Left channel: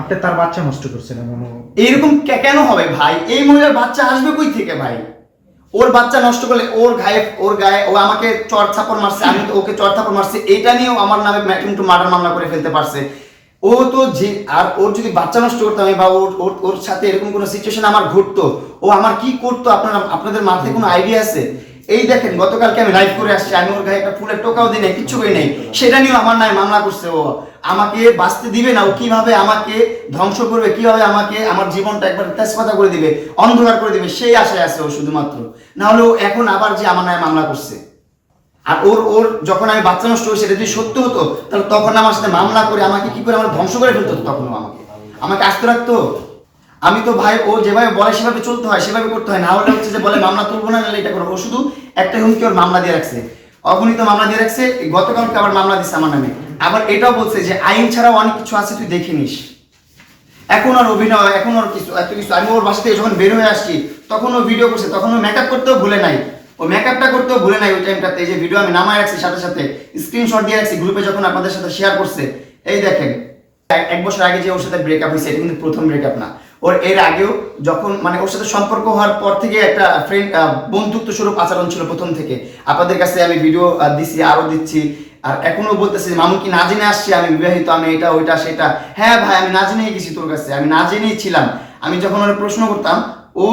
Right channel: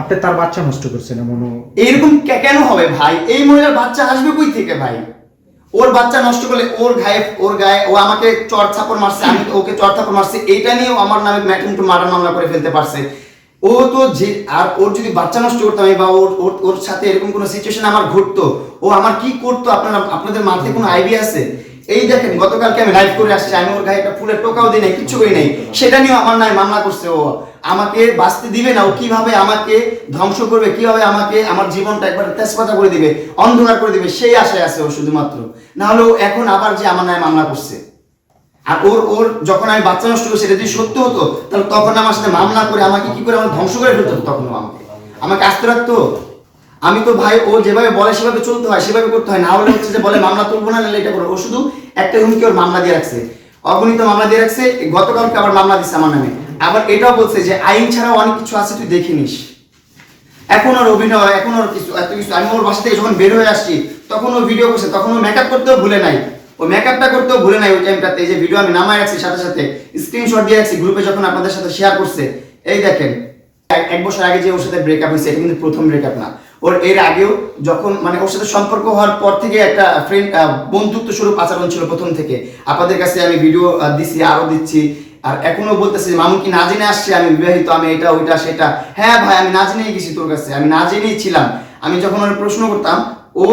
আপনি তার বাচ্চা নষ্ট করছেন এমন এরকম কেন হবে ভাই? এই মহিলার বাচ্চা আসবে কই থেকে ভাই? ওর বাচ্চা নষ্ট করলে ওর গায়ে ওর গায়ে ও আমাকে চর থাপড় মারছে, আমি ওকে চর থাপড় মারছি, এইটা নিয়েও আমার নামে ম্যাটেন টু মার্ডার মামলা করে ফেলতে পারছে। ও তো যে আর ওর যদি বাচ্চা নষ্ট করতাম বা ওর ওর সাথে এরকম কোনো সিচুয়েশন আমার ঘটতো, ও আমার কি করতো আপনারা আপনাদের মাথায় কোনো আইডিয়া আছে? এই দেখেন, গতকালকে আমি লাইভ করে আসছি, আমি ওর গায়ে একটা ফুলের টোকাও দিই নাই, কিচ্ছু করি নাই। সেটা নিয়েও আমার নামে মামলা করছে ও। আমাকে বাঁচতে দিবে না, ও কীভাবে আমাকে ধ্বংস করবে, কীভাবে আমাকে আমার জীবনটা একবার তেজপাতা করে দিবে, অন্ধকার করে দিবে, সেই আশায় আছে ও শুধুমাত্র। না হলে ও এখন আবার যে আমার নামে মামলা করছে। আর ওর ওর যখন আমি বাচ্চা নষ্ট করি সেটা যদি সত্য হতো, তাহলে তখন আমার সাথে মামলা করে আমাকে কি করে আমার ধ্বংস করে ফেলতো তখন আমাকে? আমাকে আসতে রাখতো? আমি তো ভাই, ও যেভাবে বলে সেভাবে চলতে হয়, সেভাবে করতে হয়। না হলে হচ্ছে যে বলে, মামলা তুলবো না, নাহলে এটা করব। ও শুধু একটা হুমকি ওর মামলা দিয়ে রাখছে। অগণিত মামলা দিয়ে রাখছে, গতকালকে আবার মামলা দিচ্ছে আমার নামে। আবার এটাও বলছে যে, আইন ছাড়াও অনেক কিছু আছে, তুই দেখে নিস। এখন ওর অভিনয়, এখন ওর কিছু, এত কিছু। আমি ওর বাসা থেকে যখন বের হয়ে আসছি, তখন ও ভিডিও করছে, তখন ও মেকআপ করতেও ভুলে নাই। ও মেকআপটা করতেও ভুলে নাই ওই টাইমটাতে এই যে ভিডিও আমি নামায় রাখছি সাথে সাথে স্ক্রিনশট দিয়ে রাখছি গ্রুপে যখন আপনাদের সাথে শেয়ার করছে। এই দেখেন, এক বছর আগে যে ওর সাথে ব্রেকআপ হয়েছে, এটা কিন্তু প্রথম ব্রেকআপ না। ওর এর আগেও যখন মানে ওর সাথে সম্পর্ক হওয়ার পর থেকে একটা ফ্রেন্ড বন্ধুত্ব স্বরূপ আচরণ ছিল প্রথম থেকে। আপনাদের কাছে আমি ভিডিও দিছি, আরও দিচ্ছি। আর এখনও বলতেছে মামু কি না জেনে আসছে? আমি বিবাহিত, আমি এটা, ওইটা, সেটা। হ্যাঁ ভাই, আমি না জেনেই গেছি তোর কাছে। আমি না জেনেই ছিলাম। আমি যখন ওর প্রশ্ন করতাম, ও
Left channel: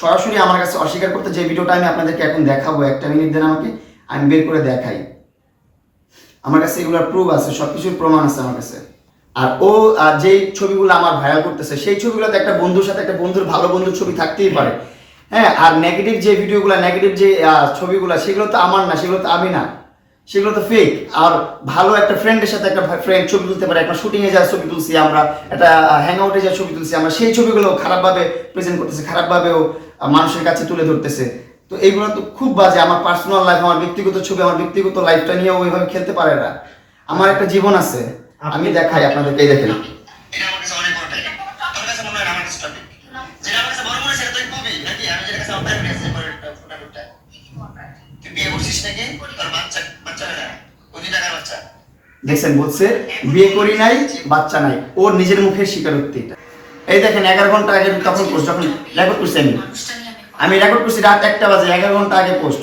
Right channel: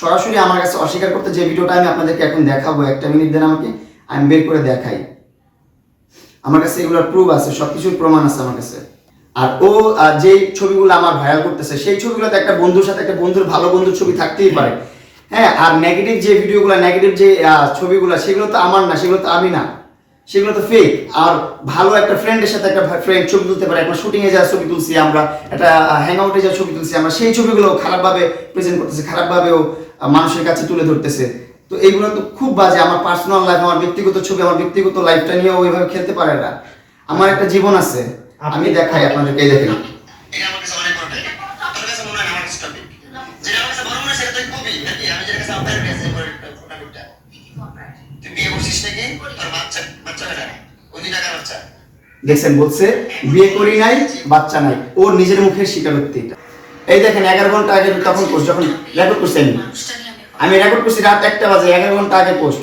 সরাসরি আমার কাছে অস্বীকার করতে যে, ভিডিওটা আমি আপনাদেরকে এখন দেখাবো। একটা মিনিট দেন আমাকে, আমি বের করে দেখাই। আমার কাছে এগুলোর প্রুফ আছে, সবকিছুর প্রমাণ আছে আমার কাছে। আর ও যেই ছবিগুলো আমার ভাইরাল করতেছে, সেই ছবিগুলোতে একটা বন্ধুর সাথে একটা বন্ধুর ভালো বন্ধুর ছবি থাকতেই পারে। হ্যাঁ আর নেগেটিভ যে ভিডিওগুলো নেগেটিভ যে ছবিগুলো, সেগুলো তো আমার না, সেগুলো তো আমি না। সেগুলো তো ফেক আর ভালো একটা ফ্রেন্ডের সাথে একটা ফ্রেন্ড ছবি তুলতে পারে। একটা শুটিং এ যাওয়ার ছবি তুলছি আমরা, একটা হ্যাং আউটে যাওয়ার ছবি তুলছি আমরা। সেই ছবিগুলো খারাপভাবে প্রেজেন্ট করতেছে, খারাপভাবেও মানুষের কাছে তুলে ধরতেছে। তো এইগুলো তো খুব বাজে। আমার পার্সোনাল লাইফ আমার ব্যক্তিগত ছবি, আমার ব্যক্তিগত লাইফটা নিয়ে ওইভাবে খেলতে পারে না। আমার একটা জীবন আছে। আমি দেখাই আপনাদেরকে এই দেখেন। দেখছেন বলছে বিয়ে করি নাই বাচ্চা নাই। ওর নিজের মুখের স্বীকারোক্তি এটা। এই দেখেন এগারো ঘণ্টা আগে তখন পোস্ট যখন রেকর্ড করছি আমি। আমি রেকর্ড করছি রাত একটা বাজে এগারো ঘণ্টা আগে পোস্ট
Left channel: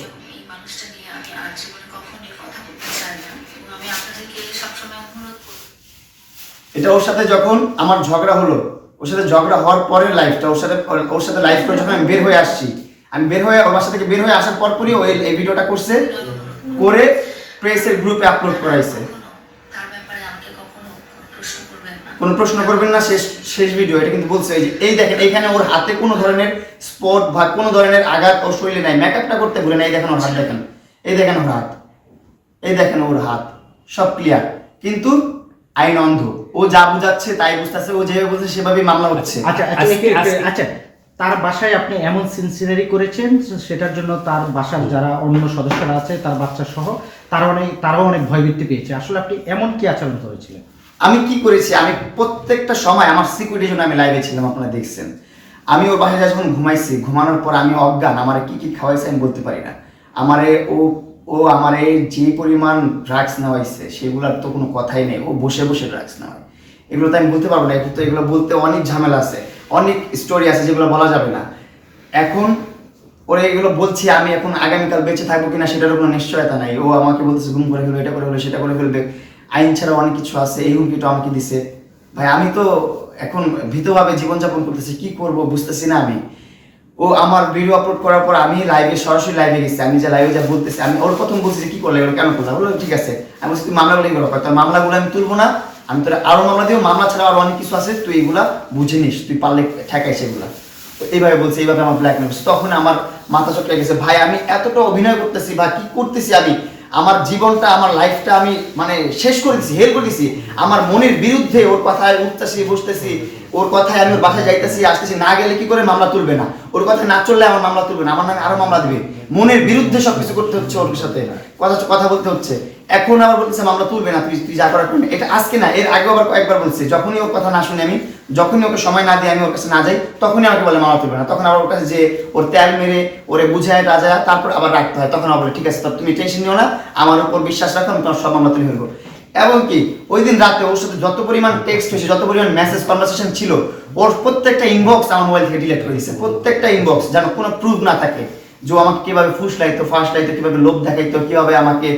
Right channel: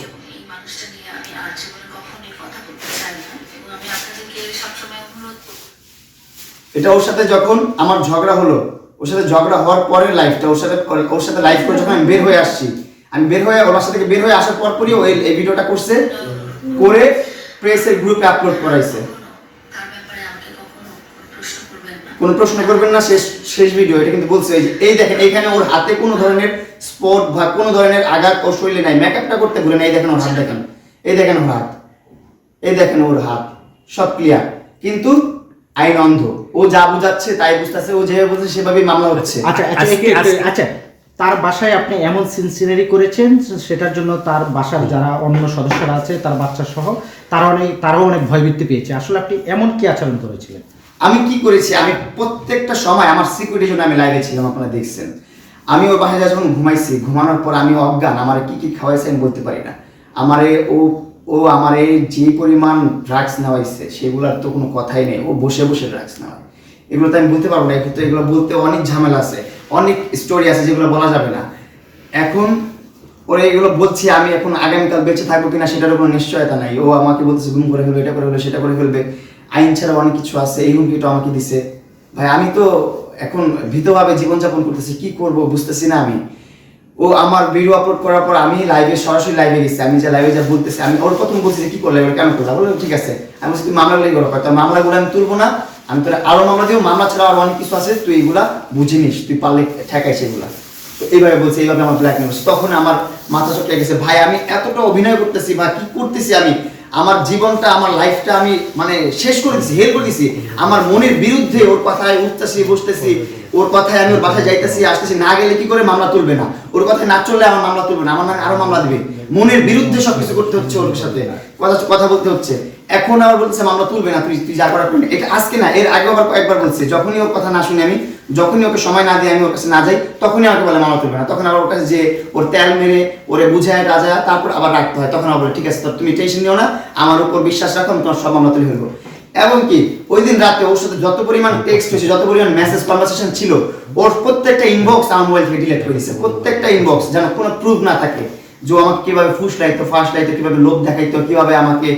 আমি আপনাদেরকে সবসময় অনুরোধ এটা ওর সাথে যখন আমার ঝগড়া হলো, ওর সাথে ঝগড়া হওয়ার পরের লাইফটা ওর সাথে ওর সাথে লাইফ করে যখন আমি বের হয়ে আসছি, আমি বের হয়ে ওর বাসা থেকে বের হয়ে আসার পর পরই ও এই- ভিডিওটা করছে, করে প্রেসের গ্রুপে আপলোড করাইছে। কোনো প্রশ্ন করবেন না, শেষ শেষ ভিডিও এটা কিন্তু বলছে যে, এই দেখেন, এইখানে ওর হাতে কোনো ধরনের স্পট বা কোনো ধরনের আঘাত ওর শরীরে নাই মেকআপটা করতে ভুলে না এই দেখেন ওর হাত দেখেন, এই দেখেন ওর হাত, এই দেখেন ওর হাত, সব ক্লিয়ার কিন্তু আইন অন্ধ। ও যা বুঝাচ্ছে তাই বুঝতেছে ও যেভাবে বলছে সেভাবেই মামলা হচ্ছে। আচ্ছা আচ্ছা আচ্ছা তার বাসায় আপনি এমন সিনসিনারি করেছেন সেটার জন্য তার বাসার যারা অন্য সদস্যরা আছে তার বাচ্চা সহ তারা অনেক তারাও অনেক ভয়ভীতি পেয়েছে। আসলে আপনি এমন কি আচরণ করেছিলেন? আমি কি করেছি? আমি প্রত্যেকটা সময় আমার সিকিউরিটির জন্য আমি লাইভে ছিলাম আপনারা দেখছেন। আমি ওর বাসায় যখন ঘুমাইছি ঘুমানোর পর আমি অজ্ঞান আমার কি কি খাওয়াইছে আমি বলতে পারি না। আমারে ও ও আমার এই যে পরিমাণ ড্রাগস নেওয়াইছে, সেগুলোর তো কোনো কথাই নেই। ও বসে বসে ড্রাগস নেওয়ায়। এগুলো তো আমি বলতে পারব না, কিন্তু এগুলো বলতে অনেক ঝামেলা আছে। অনেক স্টোরি আছে যেগুলো বলা যাবে না। এখন ওরে এগুলো বলছি, আমি এখন আগামীকাল বেঁচে থাকব কিনা সেটার কোনো নিশ্চয়তা নাই। ও আমাকে বলতেছে গুম করে ফেলবে, এটা করে ফেলবে, সেটা করে ফেলবে। আইন ছাড়া অনেক কিছু আছে, এই হুমকিটা আমাকে দিছে। ভাই, আমি তো এখন ভীতভাবে জীবনযাপন করতেছি, কি করব বুঝতেছি না আমি। ও আমার ভিডিও আপলোড করার পর আমি লাইভে সরাসরি লাইভে গেছি। আমি যে লাইভে যা বলতেছি, আমি ওর প্রথম বলছি কি করলে? কেন করলে বললাম ঠিক আছে। আমি বলছি, তুই মামলাগুলো করো। তার মামলাগুলো আমি তুলবো না। আমি তোর আরও মামলা দিব। মামলা ছাড়া আরও অনেক কিছু আছে। তুই এগুলা বুঝে নিস। তুই পারলে ঠেকাই সেগুলা তো এইভাবে বলছে, এইভাবে আমার ব্ল্যাকমেল করছে তখন আমার মাথা চটকে গেছে। ভাই, আমি এতটা অভিনয় করতেছি বা কি করতেছি আমি? আমার জীবনটা, আমার লাইফটা আমি মানে শেষ করে দিছি, হেল করে দিছি। আমার মনের বিরুদ্ধে ওর কথায় উঠতেছি, বসতেছি। ওর কথায় আমি ওর বাসায় যাইতেছি, আসতেছি, না গেলে কি করে মামলা তুলবে না? ওর কথায় না চললে আমার মামলা তুলবে না, আমার নামে আরও মামলা দিবে। মনের বিরুদ্ধে সবকিছু করতে হচ্ছে ওর সাথে। কথা কথা বলতে হচ্ছে। এখন আবার বলতেছে, মামলা তুলবে না, তুই তুই যা করার। এটা আজকে না, এর আগে আবার কয়েকবার বলছি, যখনই ওর কথা না শুনি আমি, যখনই ওকে সময় না দিয়ে আমি ওর কাছে না যাই, তখনই আমাকে বলে মামলা তুলবে না। তখন আবার ওর কাছে যে ওর তেল মেরে, ওরে বুঝায় রাজা তারপর আবার রাখতে হয়। তখন আবার বলে, ঠিক আছে তুমি টেনশন নিও না, আমার উপর বিশ্বাস রাখো, আমি তোমার সব মামলা তুলে ফেলব। এবং কি ওই দিন রাতে ওর সাথে যত পরিমাণ টেক্সট হয়েছে, যত পরিমাণ মেসেজ কনভারসেশন ছিল, ওর প্রত্যেকটা ইনবক্স আমার মোবাইল থেকে ডিলিট দিয়েছে প্রত্যেকটা ইনবক্স যেন কোনো প্রুফ না থাকে যে আমাকে কীভাবে ফুস লাইতো ফাঁস লাইতো কীভাবে লোভ দেখাইতো, কীভাবে আমাকে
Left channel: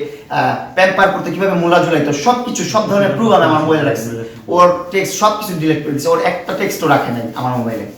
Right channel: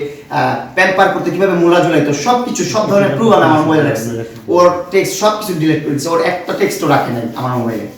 প্যাম্পার করতে, কীভাবে মোলা ঝুলাইতো সব কিছু সব ধরনের প্রুফ আমি আমার মোবাইলে রাখছি। ওর টেক্সট সব কিছু ডিলিট করে দিচ্ছে ওর একটা টেক্সটও রাখে নাই আমার মোবাইলে